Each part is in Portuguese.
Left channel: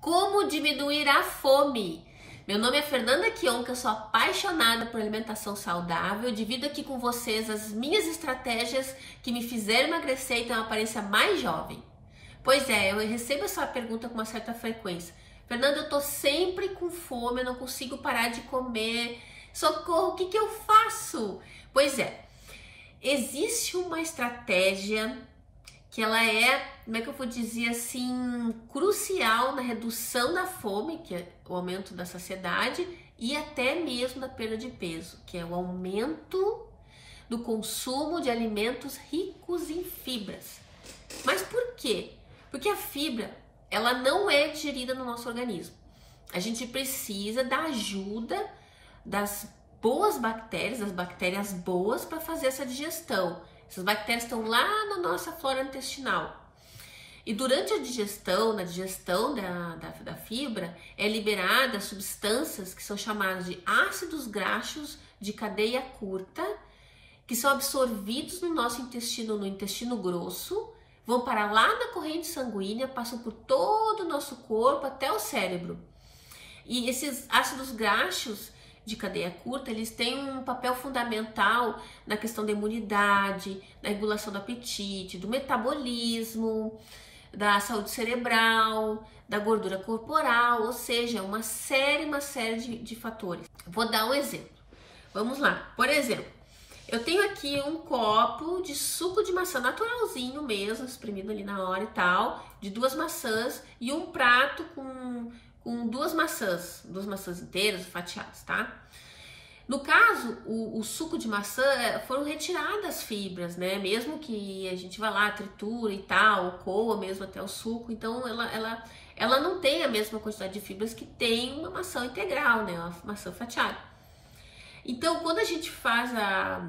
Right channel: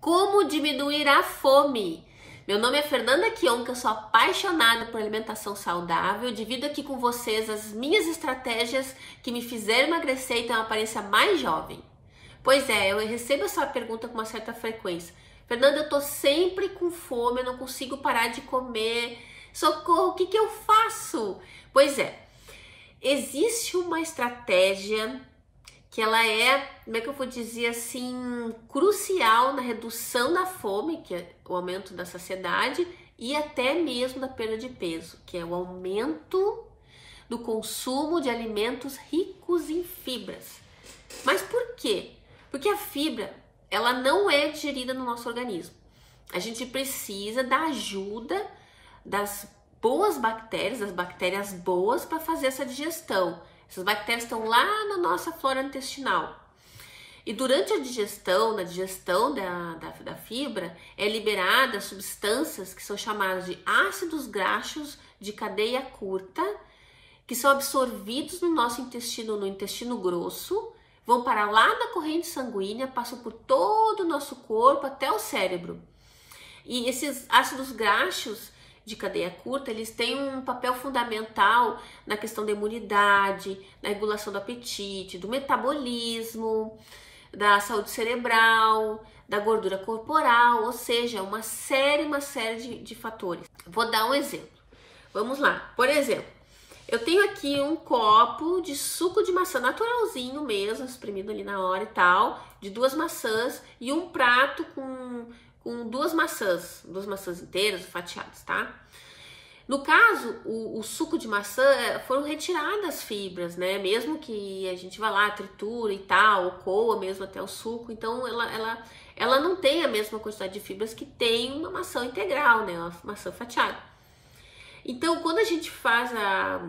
Como diminuir a fome? Meu nome é Fernanda Kionka, eu sou apaixonada por alimentação saudável, divido aqui com vocês as minhas estratégias que me fizeram emagrecer e ter uma aparência mais jovem. Pois é, eu recebo essa pergunta com uma certa frequência. Fernanda, eu tô sempre com fome, eu não consigo parar de comer, socorro, o que eu faço? Pois é, existe uma estratégia que ela é, como é que eu vou dizer assim, crucial na redução da fome, que é o aumento da saciedade, e até mesmo da perda de peso, que é o aumento do consumo de alimentos ricos em fibras. Mas por quê? Porque a fibra, ela não é digerida no nosso organismo. A gente precisa da ajuda das boas bactérias, das bactérias boas, para fazer essa digestão. Essas bactérias estão lá na nossa flora intestinal. E durante a digestão, na digestão da fibra, é liberada substâncias que são chamadas de ácidos graxos de cadeia curta, que são absorvidos no nosso intestino, no intestino grosso, vão para lá da corrente sanguínea, passam por todo o nosso corpo até o cérebro. E esses ácidos graxos de cadeia curta, eles têm um papel fundamental na questão da imunidade, na regulação do apetite, do metabolismo, da saúde cerebral, da gordura corporal, ou seja, uma série de fatores. Vou dar um exemplo. Vamos lá. Por exemplo, eu tenho aqui um copo de suco de maçã naturalzinho mesmo, espremido ali na hora e tal, de 2 maçãs e um prato com 2 maçãs inteiras, fatiadas, tá? No caso, o suco de maçã foram retiradas as fibras, né? Mesmo que a gente vá lá, tritura e tal, ou coa mesmo até o suco, então ela não tem a mesma quantidade de fibras que tem uma maçã integral, né? Uma maçã fatiada. Então, quando a gente faz a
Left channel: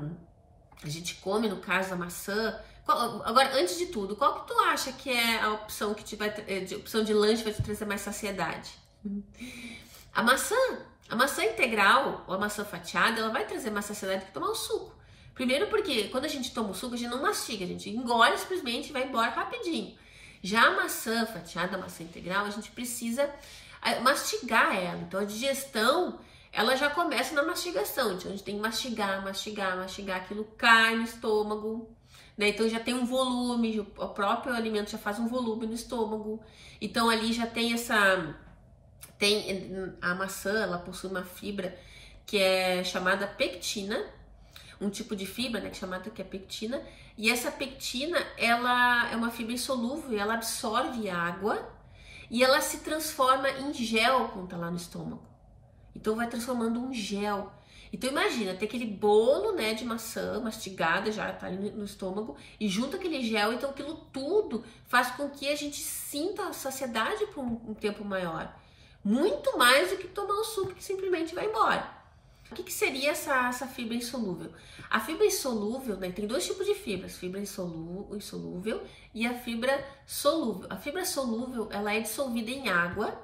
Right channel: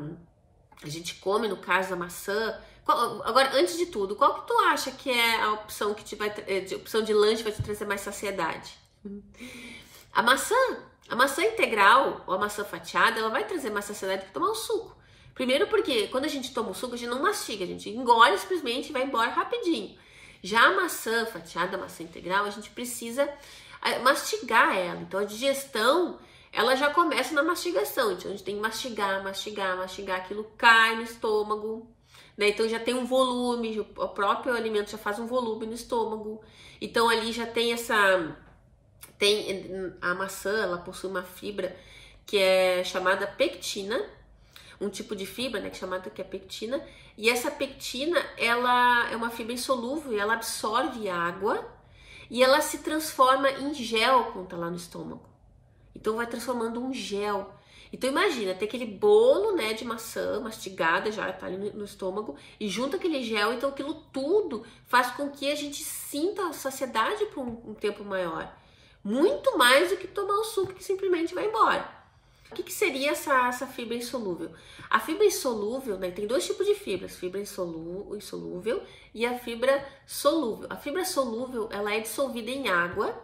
gente come, no caso, a maçã. Agora, antes de tudo, qual que tu acha que é a opção que opção de lanche vai te trazer mais saciedade? A maçã integral ou a maçã fatiada, ela vai trazer mais saciedade que tomar o suco. Primeiro porque quando a gente toma o suco, a gente não mastiga, a gente engole simplesmente e vai embora rapidinho. Já a maçã fatiada, a maçã integral, a gente precisa mastigar ela. Então a digestão, ela já começa na mastigação. Então a gente tem que mastigar, aquilo cai no estômago, né? Então já tem um volume, o próprio alimento já faz um volume no estômago. Então ali já tem a maçã, ela possui uma fibra que é chamada pectina, um tipo de fibra, né, que é pectina, e essa pectina, ela é uma fibra insolúvel, ela absorve água e ela se transforma em gel quando tá lá no estômago. Então vai transformando um gel. Então imagina, tem aquele bolo, né, de maçã mastigada, já tá ali no estômago, e junto aquele gel, então aquilo tudo faz com que a gente sinta a saciedade por um tempo maior. Muito mais do que tomar o suco que simplesmente vai embora. O que seria essa fibra insolúvel? A fibra insolúvel, né, tem 2 tipos de fibras, fibra insolúvel e a fibra solúvel. A fibra solúvel, ela é dissolvida em água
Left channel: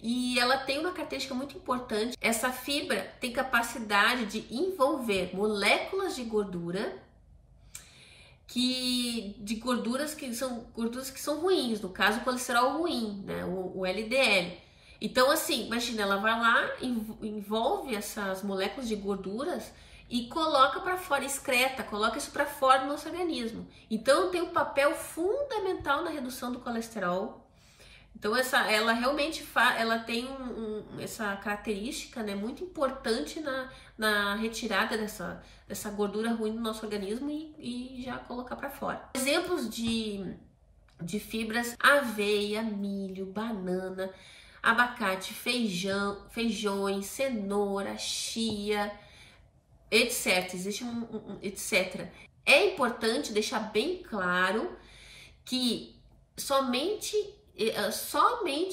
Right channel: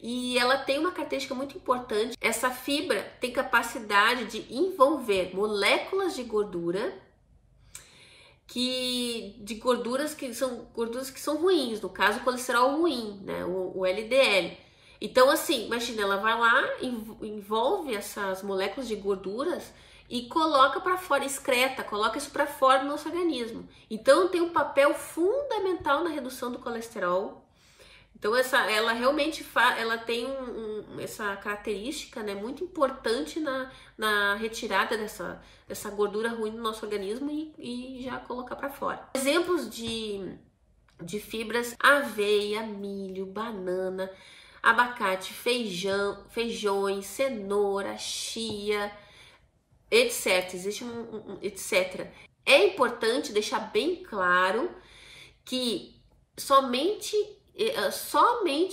e ela tem uma característica muito importante. Essa fibra tem capacidade de envolver moléculas de gordura, gorduras que são ruins, no caso o colesterol ruim, né, o LDL. Então, assim, imagina, ela vai lá, envolve essas moléculas de gorduras e coloca para fora, excreta, coloca isso para fora do nosso organismo. Então, tem um papel fundamental na redução do colesterol. Então, ela realmente ela tem essa característica, né, muito importante na retirada dessa gordura ruim do nosso organismo e já colocar para fora. Exemplos de fibras: aveia, milho, banana, abacate, feijões, cenoura, chia, etc. Existe etc. É importante deixar bem claro que somente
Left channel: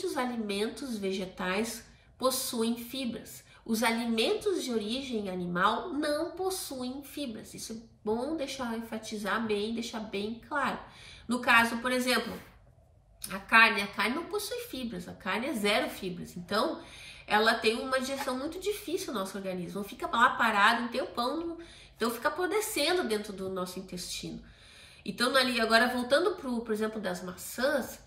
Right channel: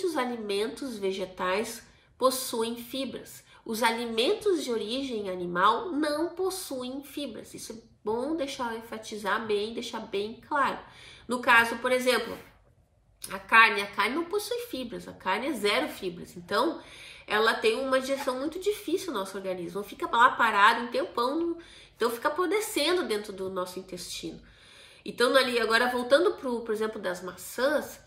os alimentos vegetais possuem fibras. Os alimentos de origem animal não possuem fibras. Isso é bom enfatizar bem, deixar bem claro. No caso, por exemplo, a carne não possui fibras, a carne é 0 fibras, então ela tem uma digestão muito difícil no nosso organismo, fica lá parado um tempão, então fica apodrecendo dentro do nosso intestino. Então ali, agora voltando por exemplo das maçãs,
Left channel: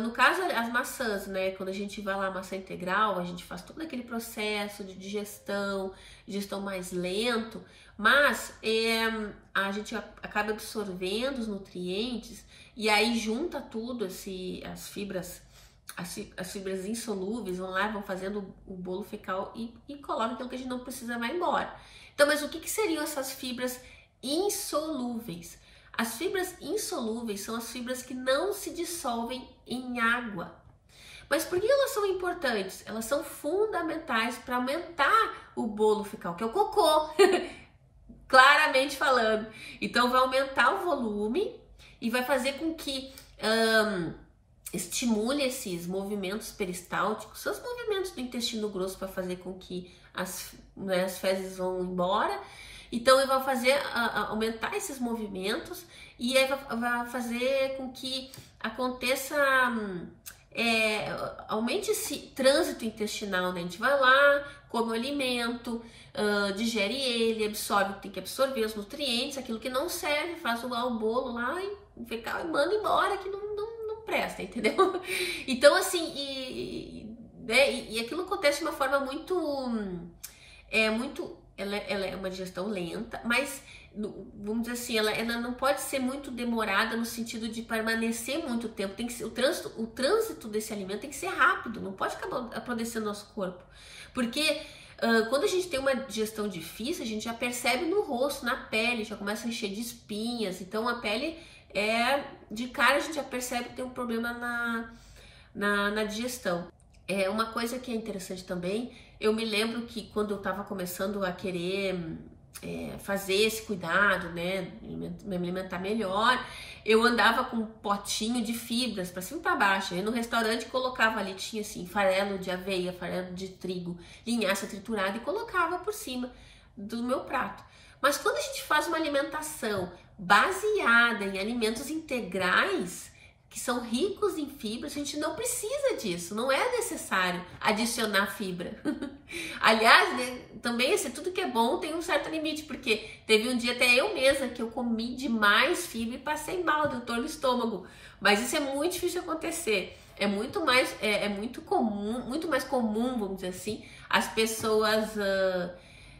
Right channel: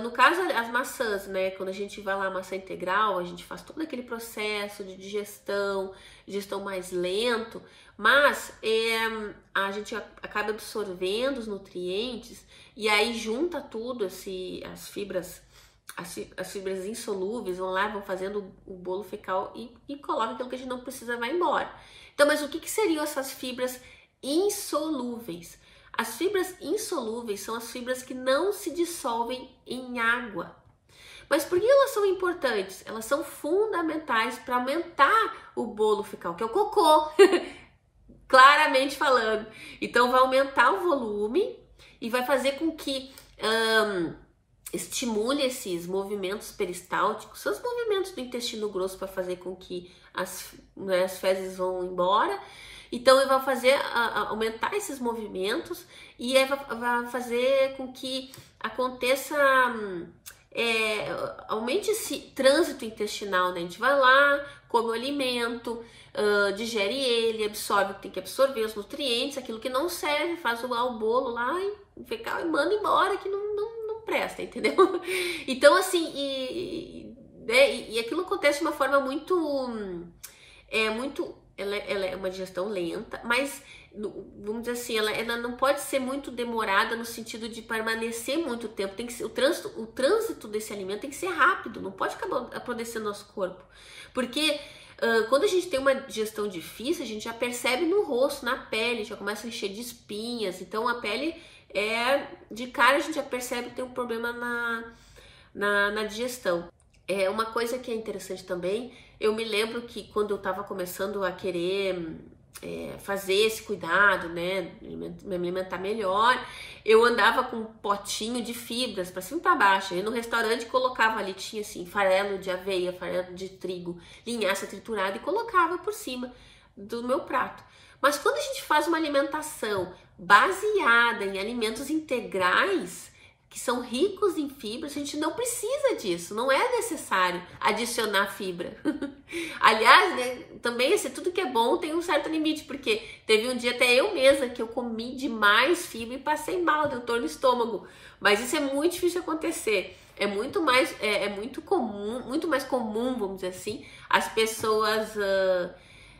No caso, as maçãs, né? Quando a gente vai lá, maçã integral, a gente faz todo aquele processo de digestão mais lento, mas a gente acaba absorvendo os nutrientes e aí junta tudo, as fibras insolúveis vão lá, vão fazendo o bolo fecal e coloca aquilo que a gente não precisa, vai embora. Então, mas o que seriam essas fibras insolúveis? As fibras insolúveis são as fibras que não se dissolvem em água. Mas por que elas são importantes? Elas são fundamentais para aumentar o bolo fecal, que é o cocô, claramente falando. Então vai aumentar o volume e vai fazer com que estimule esses movimentos peristálticos, são os movimentos do intestino grosso para fazer com que as fezes vão embora. Então, ele vai fazer aumentar esses movimentos e aí vai fazer com que aconteça, aumente esse trânsito intestinal, né? A gente vai lá, come o alimento, digere ele, absorve o que tem que absorver, os nutrientes, aquilo que não serve, faz o bolo lá e fecal e manda embora, que não presta, entendeu? Então, assim, e aquilo acontece de uma forma muito... Ela é uma digestão lenta, mas, vamos dizer assim, ela não pode ser muito demorada no sentido de permanecer muito tempo. Tem que ser, o trânsito desse alimento tem que ser rápido, não pode ficar apodrecendo nosso corpo. Porque quando a gente tem uma digestão difícil, a gente já percebe no rosto, na pele, já começa a encher de espinhas. Então, a pele, de cara, a gente já percebe que tem um problema na digestão. Uma coisa que é interessante também, eu me lembro que quando eu estava começando a querer fazer esse cuidado, né, me alimentar melhor, eu andava com um potinho de fibras para cima e para baixo. Eu no restaurante colocava ali, tinha assim, farelo de aveia, farelo de trigo, linhaça triturada e colocava por cima do meu prato. Mas quando a gente faz uma alimentação baseada em alimentos integrais, que são ricos em fibras, a gente não precisa disso, não é necessário adicionar fibra. Aliás, né, também tudo que é bom tem um certo limite, porque teve um dia até eu mesma que eu comi demais fibra e passei mal, deu dor no estômago. Mas isso é muito difícil de acontecer. É muito mais comum, vamos dizer assim, as pessoas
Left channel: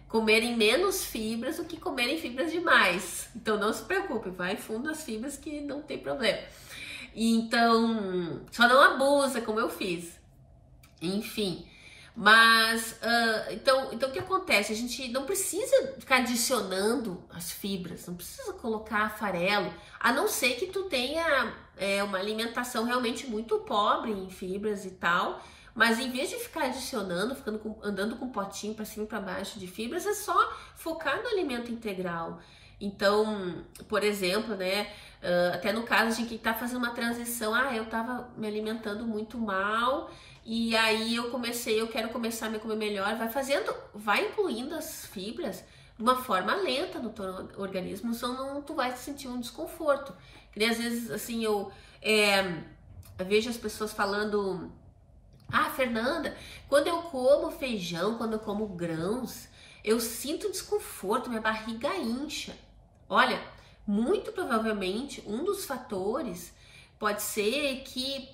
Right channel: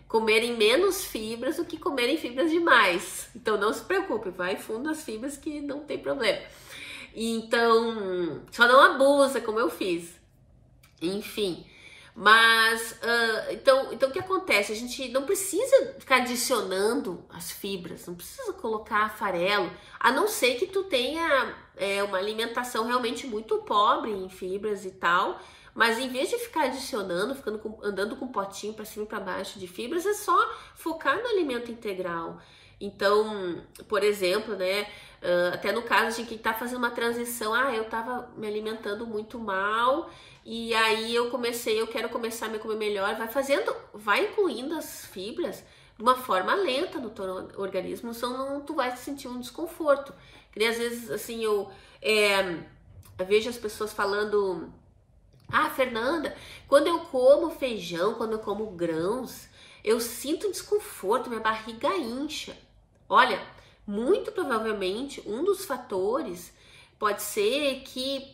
comerem menos fibras do que comerem fibras demais. Então não se preocupe, vai fundo as fibras que não tem problema. Então, só não abusa, como eu fiz. Enfim, mas, então o que acontece? A gente não precisa ficar adicionando as fibras, não precisa colocar farelo, a não ser que tu tenha uma alimentação realmente muito pobre em fibras e tal. Mas em vez de ficar adicionando, andando com um potinho para cima e para baixo de fibras, é só focar no alimento integral. Então, por exemplo, né, até no caso de quem está fazendo uma transição, eu estava me alimentando muito mal e aí eu quero começar a me comer melhor, vai incluindo as fibras de uma forma lenta no teu organismo, senão tu vai sentir um desconforto. Que às vezes, assim, eu vejo as pessoas falando, Fernanda, quando eu como feijão, quando eu como grãos, eu sinto desconforto, minha barriga incha. Olha, muito provavelmente um dos fatores pode ser que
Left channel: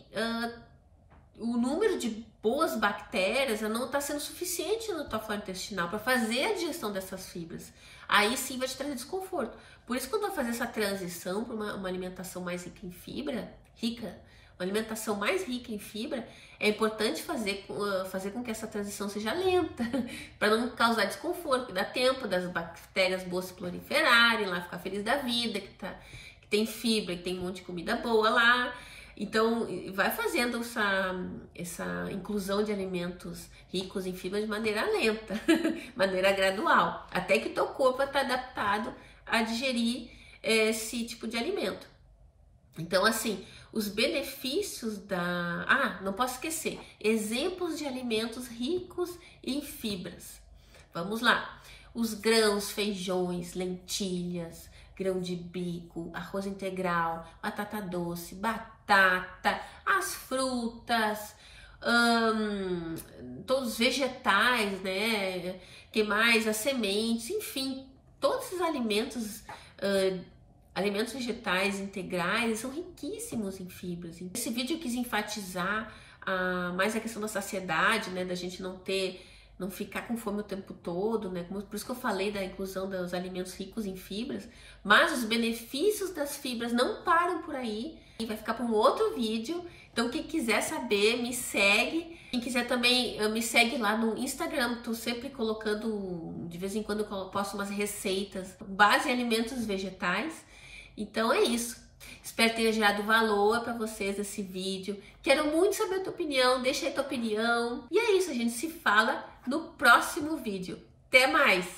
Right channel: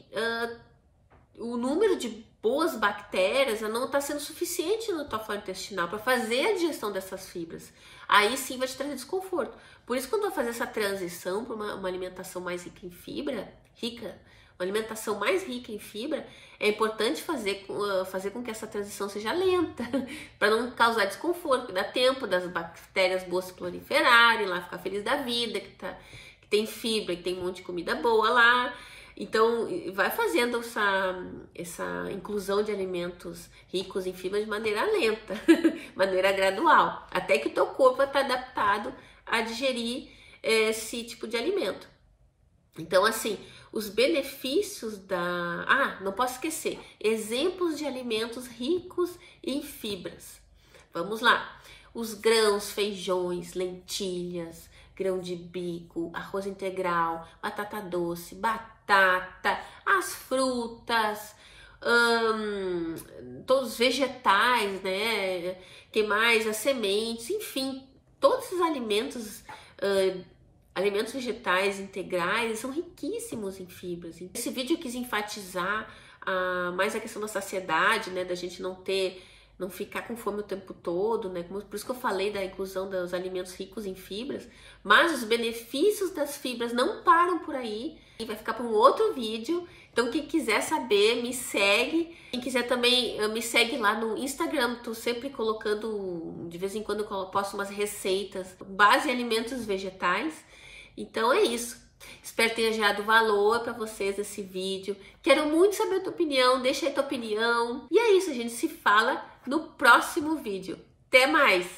o número de boas bactérias não está sendo suficiente no tua flora intestinal para fazer a digestão dessas fibras. Aí sim vai te trazer desconforto. Por isso, quando eu fazer essa transição para uma alimentação mais rica em fibra, uma alimentação mais rica em fibra, é importante fazer com que essa transição seja lenta, para não causar desconforto, dá tempo das bactérias boas se proliferarem, lá ficar feliz da vida, que tem fibra, que tem um monte de comida boa lá. Então, vai fazendo essa inclusão de alimentos ricos em fibra de maneira lenta, maneira gradual, até que o teu corpo vai estar adaptado a digerir esse tipo de alimento. Então, assim, os benefícios não posso esquecer, exemplos de alimentos ricos em fibras. Vamos lá, os grãos, feijões, lentilhas, grão de bico, arroz integral, batata doce, batata, as frutas, todos os vegetais, né? Que mais? As sementes, enfim, todos esses alimentos alimentos vegetais integrais são riquíssimos em fibras. Esse vídeo eu quis enfatizar mais a questão da saciedade, né, da gente não ficar com fome o tempo todo, né? Por isso que eu falei da inclusão dos alimentos ricos em fibras, mas os benefícios das fibras não param por aí, e vai ficar para um outro vídeo. Então, quem quiser saber, me segue. Quem quiser também, me segue lá no Instagram. Estou sempre colocando, de vez em quando eu posto umas receitas base em alimentos vegetais. Então é isso. Espero que tenha gerado valor para vocês esse vídeo. Quero muito saber a tua opinião, deixa aí tua opinião. E é isso, a gente se fala no próximo vídeo. Até mais!